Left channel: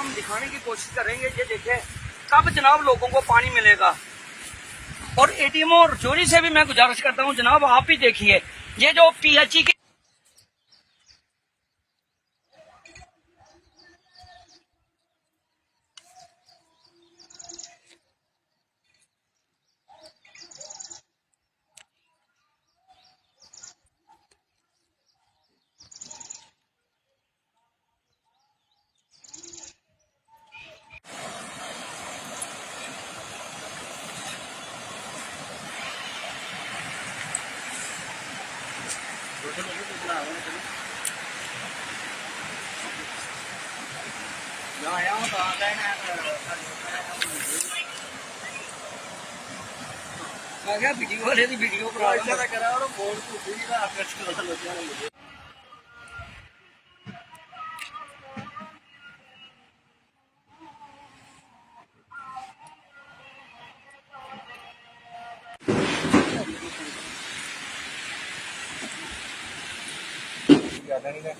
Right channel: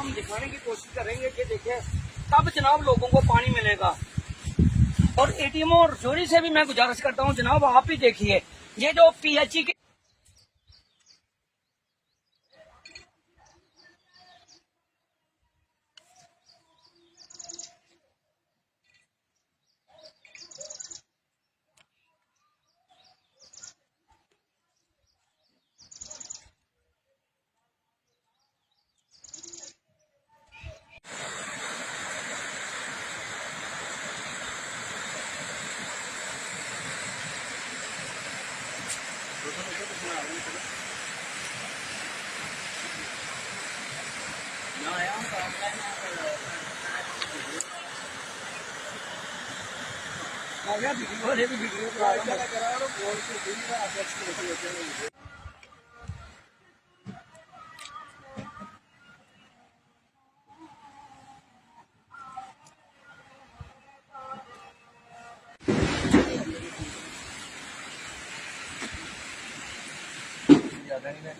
हम दिखाने की कोशिश करेंगे। ये देखें कब जनाब लोगों को पानी मिलेगा। और एटीएम और जोरी से भी मैं गुजारिश करता हूँ जनाब, आप ही देखिए ये जो पीएचई की वीडियो वाले की वीडियो ज्यादा नहीं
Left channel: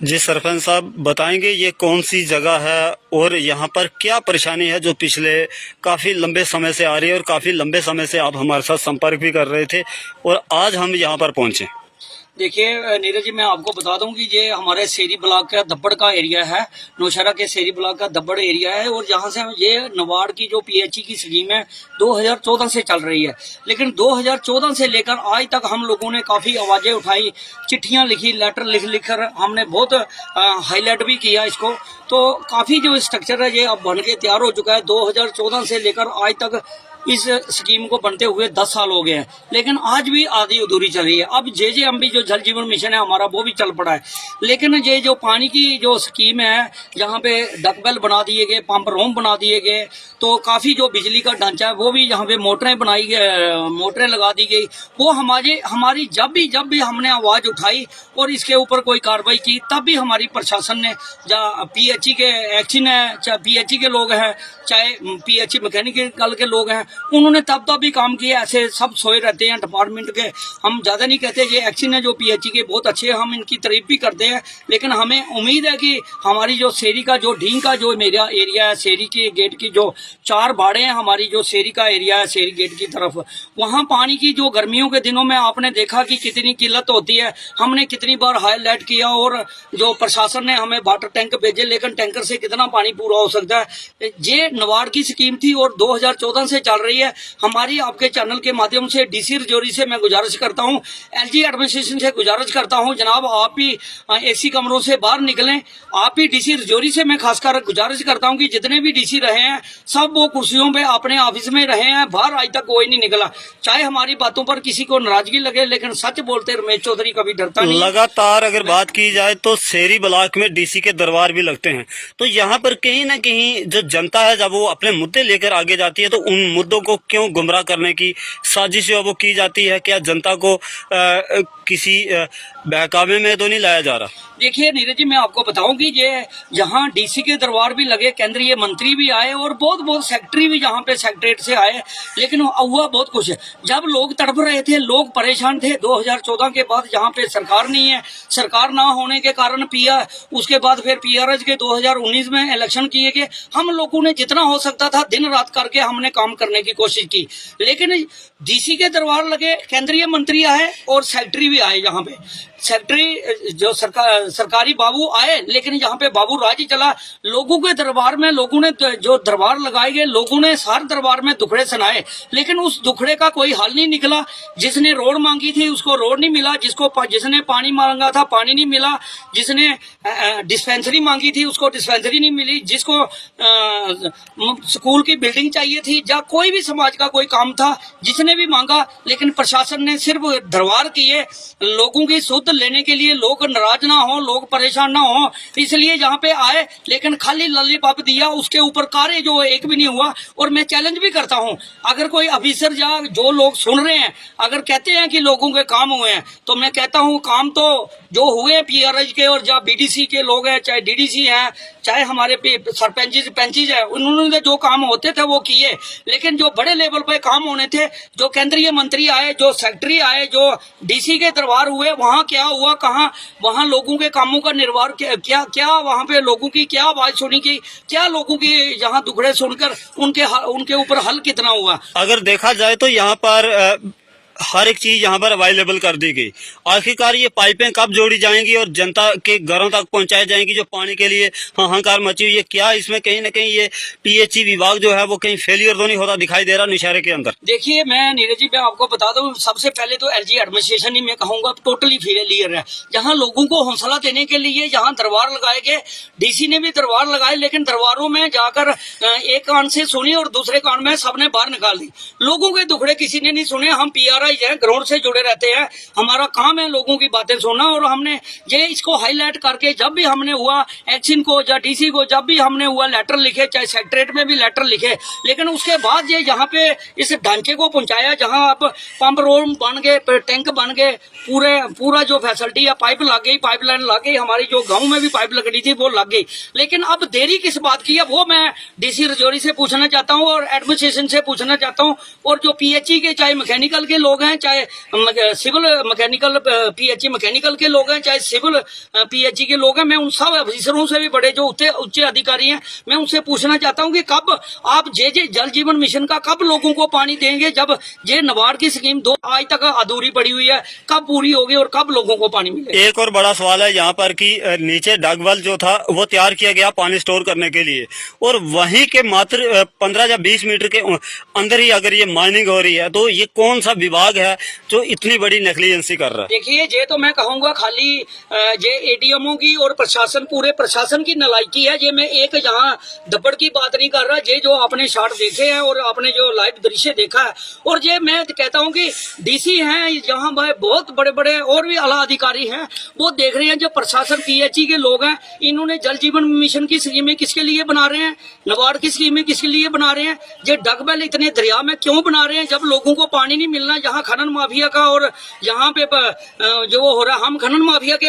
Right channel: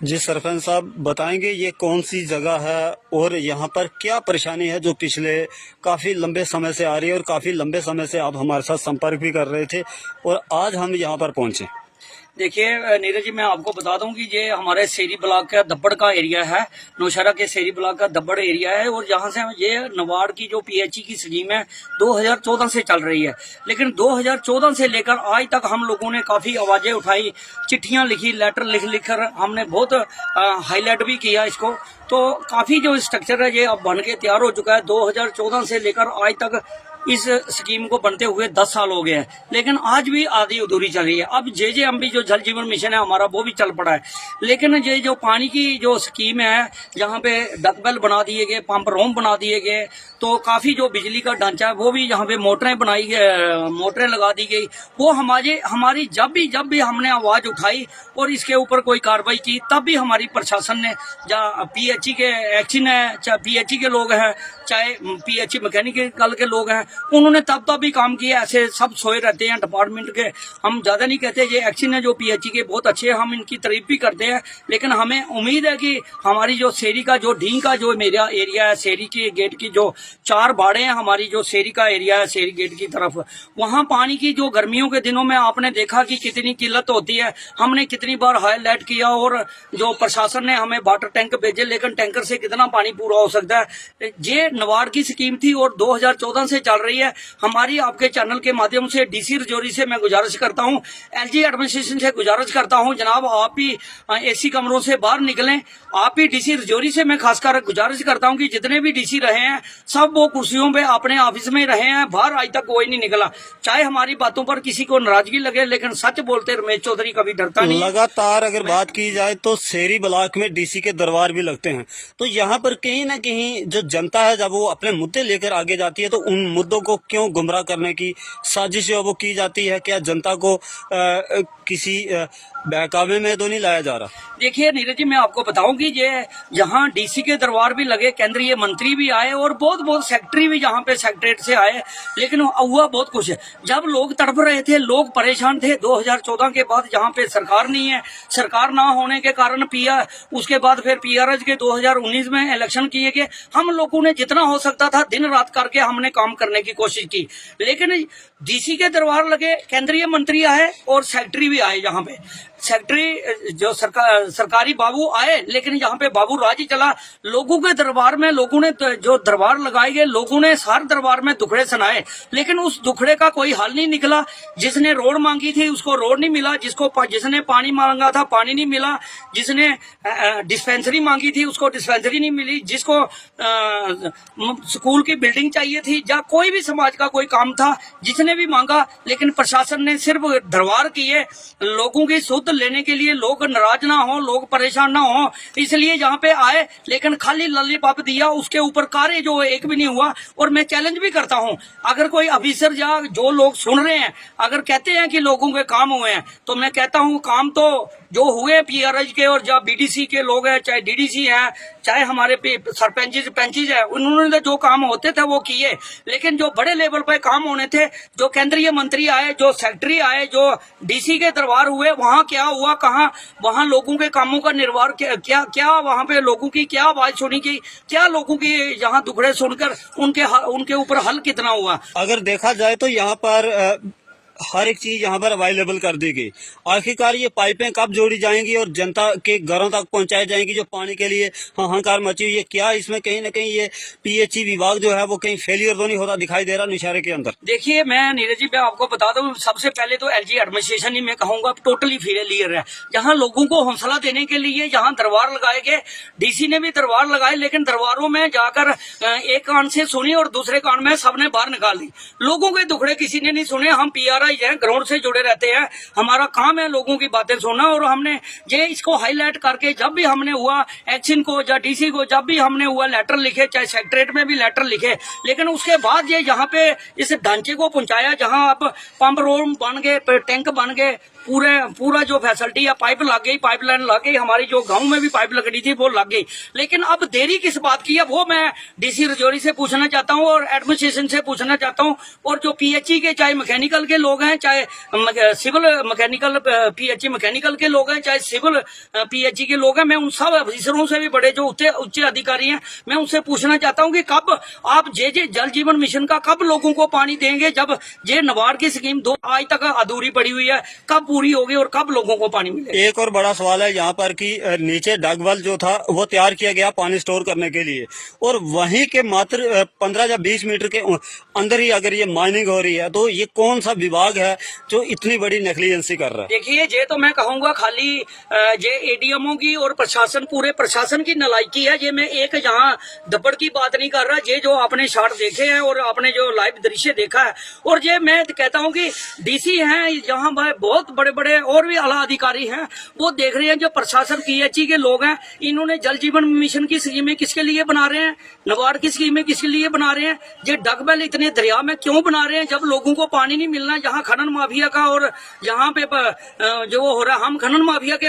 जी सरपंच साहब बताएंगे ये कौन सी जगह है और यहाँ पर क्या परेशानी है जो पिछले काफ़ी लंबे समय से आ रही है और काफ़ी लंबे समय से आप हमारे साथ संपर्क भी कर रहे थे और आज हम यहाँ पर पहुँचे। देखिए नीरज जी, मैं आपको बता दूं कि ये हमारे सेरी ब्लॉक का दब्बड़ का एरिया है, नौशहरा के सेरी ब्लॉक का दब्बड़ एरिया है। और यहाँ से ये नवाड़ की जो पीएचई की स्कीम है 2014 से चल रही है, लेकिन 2014 से लेकर आज तक हम लोगों ने काफ़ी आवाज़ें उठाई, चिट्ठियाँ लिखी, लेटर लिख कर हमने बहुत हाईलाइट भी किया इसको। तो काफ़ी जो स्ट्रक्चर है ये अब बन के तैयार हो चुका है। 2014 से लेकर आज तक इस स्कीम को बनते हुए 10 साल हो गए हैं, लेकिन आज भी आधी अधूरी चल रही है। अब जेजेएमबी जो जल जीवन मिशन है हमारा वो भी चल पड़ा है, लेकिन ये जो पानी की जो स्कीम है यहाँ पे डकबेल बना दिए गए, पंप रोम बना दिए गए, तो काफ़ी जो बिजली का ढांचा है वो भी यहाँ पे मोटरें बनाई गई, मोटरें लगा दी गई। वो हमारी जब भी हमने आवाज़ उठाई और इसके ऊपर कोई कार्रवाई की, तब भी हमारी प्रशासन ने या पीएचई के एक्शन है, चाहे पीएचई के लोग हैं, चाहे पीएचई मैकेनिकल के लोग हैं, उन्होंने तब भी काम किया। ऐसे सब सोए रहते हैं डिपार्टमेंट के, हम ज्यादा नहीं कहते। ये एक्शन है जो पीएचई के बहुत अच्छे हैं, हम इनकी तारीफ भी करते हैं, लेकिन हमें उम्मीद है कि हमारी जो सेरी का जो ढींग का जो मेरा एरिया है, सेरी के गेट की जो 4 बाड़े हैं, हमारी जो सेरी का एरिया है सेरी गेट की तरफ, वहाँ पानी की जो गर्मियों के दिनों में आपने देखा कि कितनी किल्लत होती है। हमने कितनी बार हाईलाइट किया और जो प्रशासन ने हमें वाटर टैंक भेजे, लेकिन टैंकर से कितना पानी पूरा हो सकता है। ये नवाड़ की स्कीम थी और 2014 से चल रही है। हमारी आपके चैनल के माध्यम से डीसी रजौरी से मैं गुजारिश करता हूं, एलजी एडमिनिस्ट्रेशन से गुजारिश करता हूं, जनाब आप ही एसी कमरों से बाहर निकलें। आप ही डीसी रजौरी से मैं खासकर गुजारिश करता हूं कि जितने भी डीसी रहे हैं सब वो कुर्सियों पे अपने ऑफिस में रहे हैं, बाहर आज तक कोई नहीं निकला। चाहे हमारी बातों पर किसी को नाराजगी लगे, लेकिन सच बोलते रमेश चौधरी कभी डरता नहीं। लगातार अगर बात की जाए तो सेरी ब्लॉक में डीसी के दरबार भी लगते हैं, तो यहाँ पर कहीं ना कहीं जो जनता है जब वो अपने मुद्दे लेकर आगे जाती है तो उन मुद्दों को क्यों गुमराह करने की साजिश वो की जाती है? क्या जनता को किसी बहकावे में तो नहीं लाया जा रहा? देखिए नीरज जी, मैं आपको बताऊं कि ये यहाँ डीसी के दरबार भी लगे, केंद्रीय मंत्री भी आए और बहुत सेक्रेटरी भी यहाँ पे सेक्रेटरीट से आए, लेकिन हुआ बहुत कुछ है। जब लोग तड़प रहे थे, लोग परेशान थे, 2014 के बाद यहाँ पे सरकार नहीं है, सरकार ना होने के कारण उसके बाद फिर पीआरएस के 2019 में इलेक्शन किए गए। हम लोगों ने जितना हो सकता था दिन रात करके हमने काम करने की कोशिश की, लेकिन डीसी के दरबार लगे, केंद्रीय मंत्री आए और सेक्रेटरी भी आए। यहाँ पे सेक्रेटरी जो सरकारी बाबू आए, लेकिन यहाँ पे बाबू राज ही चला। लोगों के दरबार में लोगों ने जो दरबार लगाए गए, लोगों ने सारे दरबार में दुखड़े सुनाए, लेकिन उस दुखड़े का कोई हल नहीं निकला। जिसने रोड मांगी थी उसको रोड नहीं मिला, जिसने पानी मांगा था पानी नहीं मिला, जिसने डिस्पेंसरी मांगी थी उसको डिस्पेंसरी नहीं मिली, जिसको स्कूल की बिल्डिंग चाहिए थी, या कोई भी समाज का कोई काम था, जिसने भी मांगा, लेकिन प्रशासन ने सिर्फ दरबार किए, लोगों की शुद्ध मुफ्त लेने के लिए लोग नाराज ना हो, लोग परेशान ना हो, इसलिए यहाँ पे आए। लेकिन खाली लॉलीपॉप दिया, उसके ऊपर कार्य जो एक भी नहीं हुआ। और मैं चैलेंज भी करता हूँ, अगर कोई ऑफिसर या जो लोग सुन रहे हैं अगर कहते हैं कि लोगों के काम हुए हैं, तो मैं कहता हूँ काम तो जो हुए पीआरएच के और जब बीडीसी के लोग हैं, चाहे डीडीसी हैं, चाहे हमारे सरपंचेज है, उन्होंने जो काम होते थे वो किए। लेकिन जो बड़े लेवल पे काम होने थे, जो केंद्रीय मंत्री आए, जो सेक्रेटरी आए, जो डीसी के दरबार हुए, वहाँ क्या हुआ, कहाँ वहाँ लोगों के कामों का निर्वाह क्या वहाँ पे लोगों की क्या आवाज सुनी की, क्या लोगों की यहाँ दुखड़े सुनकर उनके ऊपर हल कितना हुआ। अगर देखा जाए तो यहाँ पर हर एक चीज यहाँ पर अवेलेबल कर दी गई। आखिरकार ये पाइपें कब जोड़ी जाएंगी और जनता के घरों तक पहुंचाई जाएंगी जो पानी के लिए हाहाकार मची हुई है? क्या इसमें कहीं ना कहीं ये पीएचई विभाग जो है वो कहीं फेलियर तो नहीं होता दिखाई दे रहा नौशहरे के अंदर? देखिए मैं नीरज जी मैं आपको बता दूं, सबसे पहले तो एलजी एडमिनिस्ट्रेशन ही मैं कहूंगा टोटली फेलियर है। जहां लोगों को हौसला देने के लिए जहां दरबार लगाए गए, डीसी ने भी दरबार लगाए, लेकिन दरबारों में जाकर एक कान से सुनी और दूसरे कान में सबने बाहर निकाल दी। लोगों के दुखड़े किसी ने नहीं सुने। हम पीआरआई हैं, ग्राउंड से जुड़े रहते हैं, हमारा काम है लोगों की बातें सुनना। और हमने ये इसको हाईलाइट करके जब भी हमने हुआ एक्शन को या डीसी को जब भी हमने हुआ लेटर लिखे, चाहे सेक्रेटरीट में भी लेटर लिखे, लेकिन उसके बाद ये यहाँ पे इस ढांचे को पहुंचाया जहाँ अब पंप रूम बन गए, टैंक बन गए, पूरा जो फैसिलिटी है, पाइप लग गई, पाइपलाइन लग गई, हमारी जो गांव में भी पाइप लगनी थी वो लग गई। लेकिन अब देरी किस बात की है वो मैं डीसी रजौरी से पूछना चाहता हूँ और एडमिनिस्ट्रेशन से पूछना चाहता हूँ। और जो पीएचई के चाहे मैकेनिकल के लोग हैं, चाहे सिविल मैकेनिकल पीएचई मैकेनिकल के लोग हैं, चाहे सिविल पीएचई के लोग हैं, मैं उन सब अफसरों से भी बड़े जो उच्च अधिकारी हैं, मैं उनसे पूछना चाहता हूँ कि कब आप जे जल जीवन मिशन का कब लोगों को पानी देंगे? जब जे नबार्ड की स्कीम आज तक अधूरी पड़ी हुई है, कब पूरी होगी और कब लोगों को पानी मिलेगा? एक और बड़ा सवाल है यहाँ पर कि नीचे डगवेल जो था वो तैयार किया गया पानी स्टोर करने के लिए, और वहीं के मात्र 15 या 20 मीटर के अंदर ही अगर ये माइनिंग हो रही है, तो ये कौन सा विभाग है जो इतनी बड़ी नेग्लिजेंसी कर रहा है? देखिए ये तो मैं कहूंगा खाली ये एडीएमओ की और प्रशासन, पूरे प्रशासन की नालायकी है। ये मैं एक यहाँ दबड़ की बात नहीं कर रहा, ये जो आपने शॉट देखे हैं और आपने जो लाइव दृश्य देखा है, और ये मैं कहता हूँ कि डीसी हैं यहाँ बहुत बड़े बड़े और भी आला अधिकारी हैं, वो देख रहे हैं। जो प्रशासन पीएचई के लोग हैं, इन्होंने जल जीवन मिशन की स्कीमें किसके लिए बना रहे हैं, नबार्ड की स्कीमें किसके लिए बना रहे हैं, ये डगबेल इतने दरिया में क्यों बना रहे हैं जब लोगों को पानी नहीं मिलना? यहाँ खनन माफिया का और यहाँ पे जो हो रहा है, हम खनन माफिया के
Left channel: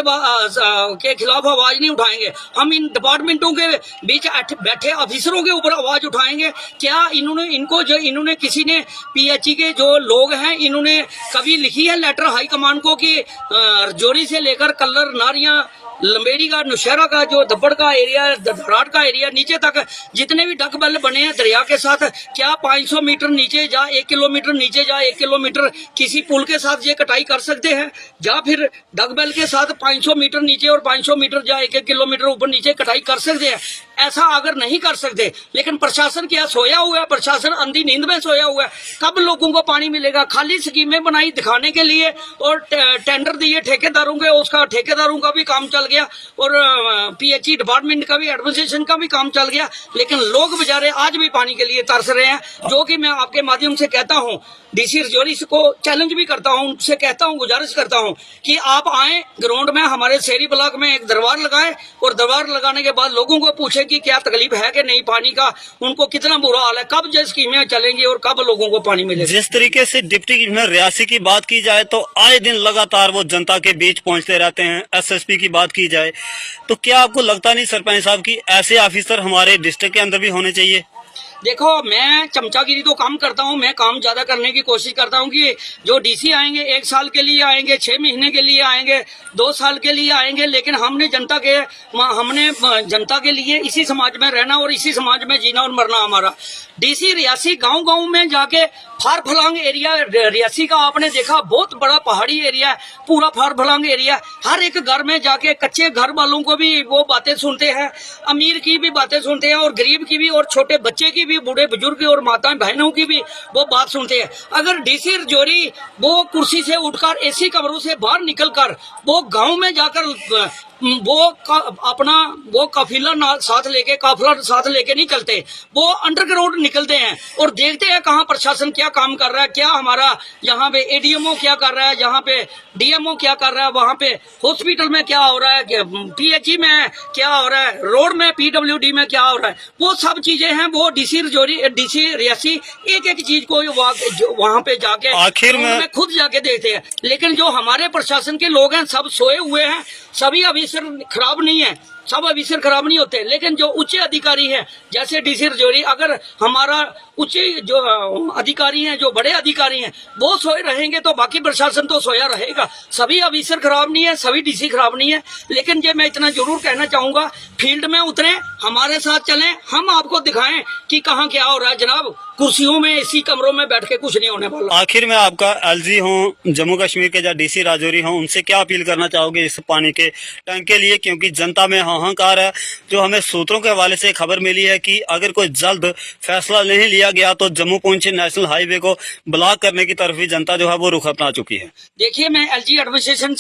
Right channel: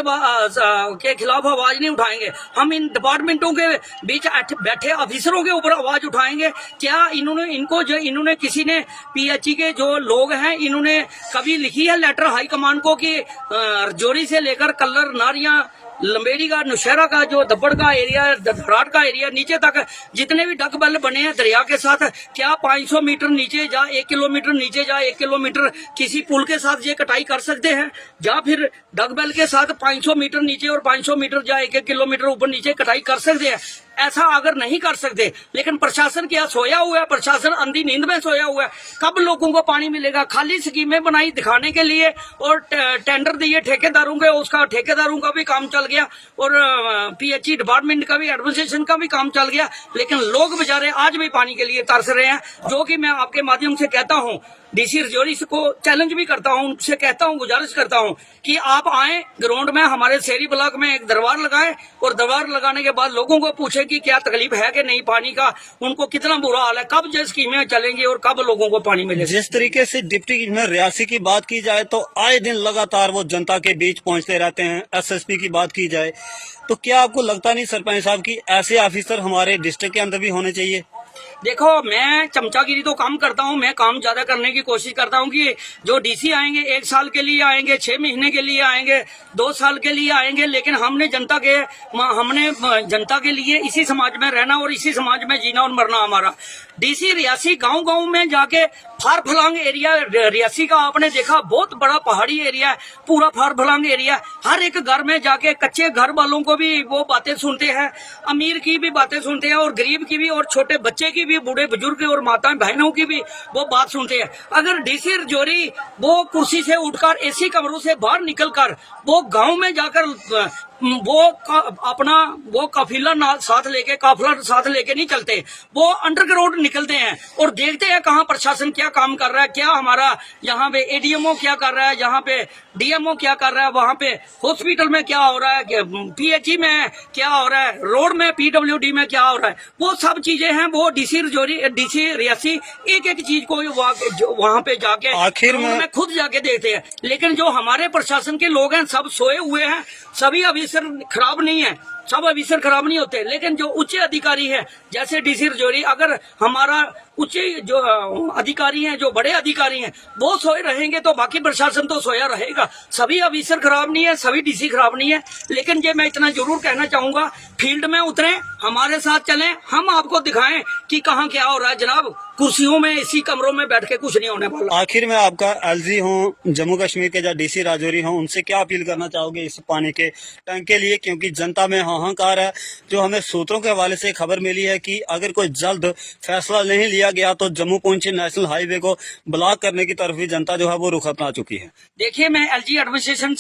खिलाफ आवाज नहीं उठाएंगे, हम इन डिपार्टमेंटों के बीच बैठे अफिसरों के ऊपर आवाज उठाएंगे। क्या इन्होंने किसी ने पीएचई के जो लोग हैं, इन्होंने कभी लिखी है लेटर हाई कमान को कि रजौरी से लेकर कल्लर, नारियां, लंबेड़ी का, नौशहरा का, जो दब्बड़ का एरिया, धराट का एरिया नीचे तक जितने भी डगबेल बने हैं दरिया के साथ, क्या 500 मीटर नीचे जा, 1 किलोमीटर नीचे जा, 1 किलोमीटर किसी पुल के साथ ये कटाई कर सकते हैं? या फिर डगबेल के साथ 500 मीटर नीचे और 500 मीटर जा 1 किलोमीटर ऊपर नीचे कटाई कर सकते हैं? ऐसा अगर नहीं कर सकते, लेकिन प्रशासन क्या सोया हुआ है? प्रशासन अंधी नींद में सोया हुआ है। कब लोगों को पानी मिलेगा? खाली स्कीमें बनाई दिखाने के लिए और टेंडर दिए ठेकेदारों के, उसका ठेकेदारों का भी काम चल गया और पीएचई डिपार्टमेंट का भी, एडमिनिस्ट्रेशन का भी काम चल गया। लेकिन लोग बेचारे आज भी पानी के लिए तरस रहे हैं, जो कि मैं आपके माध्यम से कहता हूं, डीसी रजौरी को चैलेंज भी करता हूं, उनसे कहता हूं, गुजारिश करता हूं कि आप आए ग्राउंड में, हमारे शहरी ब्लॉक में एक दरबार लगाए और दरबार लगाने के बाद लोगों को पूछे कि क्या तकलीफ है कि नहीं पानी का, उनको कितना बुरा हाल है, कब जो स्कीमें चलेंगी और कब लोगों को पानी मिलेगा। जिस तरीके से डिप्टी में रियासी की बात की जाए तो आए दिन लगातार वो जनता के बीच पहुंचते रहते हैं। एसएसपी की बात की जाए तो क्या आपको लगता नहीं सरपंच साहब की ऐसे ऑफिसर हमारे डिस्ट्रिक्ट के अंदर भी होने चाहिए? देखो मैं चमचागिरी तो कम करता हूं, मैं काम ज्यादा करने की कोशिश करता हूं कि जो डीसी आएंगे 1 साल के लिए आएंगे, 6 महीने के लिए आएंगे, 2 साल के लिए आएंगे, लेकिन हमने जनता के लिए इसी समाज में रहना और इसी समाज में जीना और मरना हमारा। डीसी रियासी गांव में जाके फार फलांग एरिया, रियासी का आपने देखा बहुत बड़ा पहाड़ी एरिया है, पूरा फार फलांग एरिया। हर एक घर में जाके कच्चे घर वालों को भी वो बातें सुनते हैं, अमीर की भी बातें सुनते हैं और गरीब की भी, और छोटे बच्चे की भी, बूढ़े बुजुर्ग और माताएं बहनों की भी वो बात सुनते हैं। अगर डीसी रजौरी वो कुर्सी से उठकर एसी कमरों से बाहर निकलकर वो गांव में जाकर अपना वो काफिला साथ लेके नहीं चलते, वो अंडरग्राउंड निकलते हैं और देखते हैं कहाँ प्रशासन क्या काम कर रहा है, क्या हमारा यहाँ पे एडीएमओ क्या कर रहा है, यहाँ पे डीएमओ क्या कर रहा है, वहाँ पे हॉस्पिटल में क्या हो रहा है, पीएचई में क्या हो रहा है, रोड में पीडब्ल्यूडी में क्या हो रहा है, वो सब चीजें हैं। वो डीसी रियासी एक एक चीज को वहाँ पे जाके आखिर में खुद जाके देखते हैं। लेकिन जो हमारे प्रशासन के लोग हैं सब सोए हुए हैं, सभी अफसर खराब नहीं है, सब अफसर खराब नहीं होते, लेकिन जो उच्च अधिकारी हैं जैसे डीसी रजौरी, अगर हमारा उच्च जो अधिकारी हैं, जो बड़े अधिकारी हैं, वो सोए रहेंगे तो बाकी प्रशासन तो सोया रहेगा। सभी अफसर खराब नहीं है, सभी डीसी खराब नहीं है। लेकिन ये मैं इतना जरूर कहना चाहूंगा, फील्ड में उतरें, हमारे साथ चलें, हम आपको दिखाएं कि कहाँ क्या हो रहा है। जनाब, कुर्सियों में इसी कमरों में बैठ के कुछ नहीं होने वाला। आखिर में आपका एलजी हो जम्मू कश्मीर के या डीसी राजौरी हो, उनसे क्या अपील करना चाहोगे इस पानी के टैंक के लिए? क्योंकि जनता में हाहाकार है। जो हमें सूत्रों के हवाले से खबर मिली है कि अगर कोई जल्द फैसला नहीं लिया गया तो जम्मू पुंछ नेशनल हाईवे को ब्लॉक करने की तरफ भी जनता जो है वो रुख अपना चुकी है। देखिए, मैं एलजी एडमिनिस्ट्रेशन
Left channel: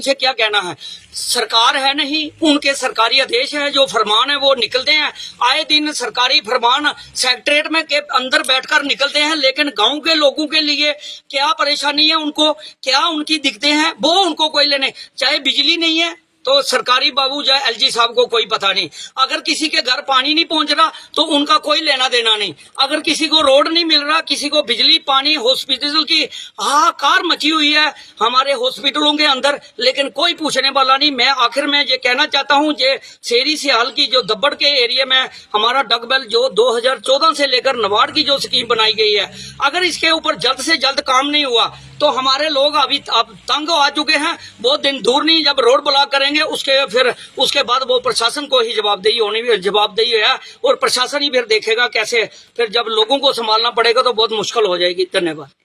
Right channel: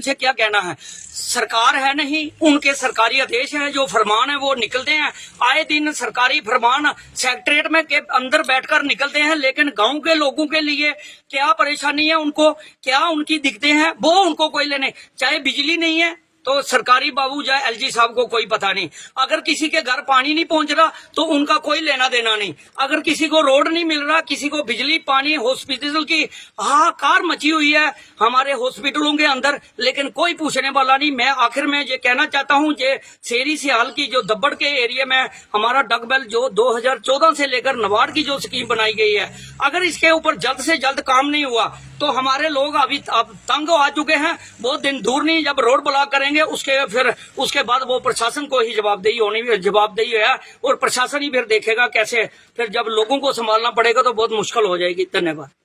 से क्या कहना है, सरकार है नहीं, उनके सरकारी आदेश है, जो फरमान है वो निकलते हैं। आए दिन सरकारी फरमान सेक्रेटरीट में के अंदर बैठकर निकलते हैं, लेकिन गांव के लोगों के लिए क्या परेशानी है, उनको क्या उनकी दिक्कतें हैं, वो उनको कोई लेने। चाहे बिजली नहीं है तो सरकारी बाबू जाए एलजी साहब को कोई पता नहीं, अगर किसी के घर पानी नहीं पहुंच रहा तो उनका कोई लेना देना नहीं, अगर किसी को रोड नहीं मिल रहा, किसी को बिजली पानी, हॉस्पिटल की हाहाकार मची हुई है हमारे हॉस्पिटलों के अंदर, लेकिन कोई पूछने वाला नहीं। मैं आखिर में ये कहना चाहता हूँ, ये शेरी सियाल की जो दब्बड़ के एरिया में हमारा डगबेल जो 2014 से लेकर नवाड़ की जो स्कीम बनाई गई है, अगर इसके ऊपर जल्द से जल्द काम नहीं हुआ तो हमारे लोग अभी अब तंग आ चुके हैं। बहुत दिन दूर नहीं, जब रोड ब्लॉक करेंगे उसके बाद वो प्रशासन को ही जवाबदेही है, और प्रशासन ही फिर देखेगा कैसे, फिर जब लोगों को संभालना पड़ेगा तो बहुत मुश्किल हो जाएगी। धन्यवाद।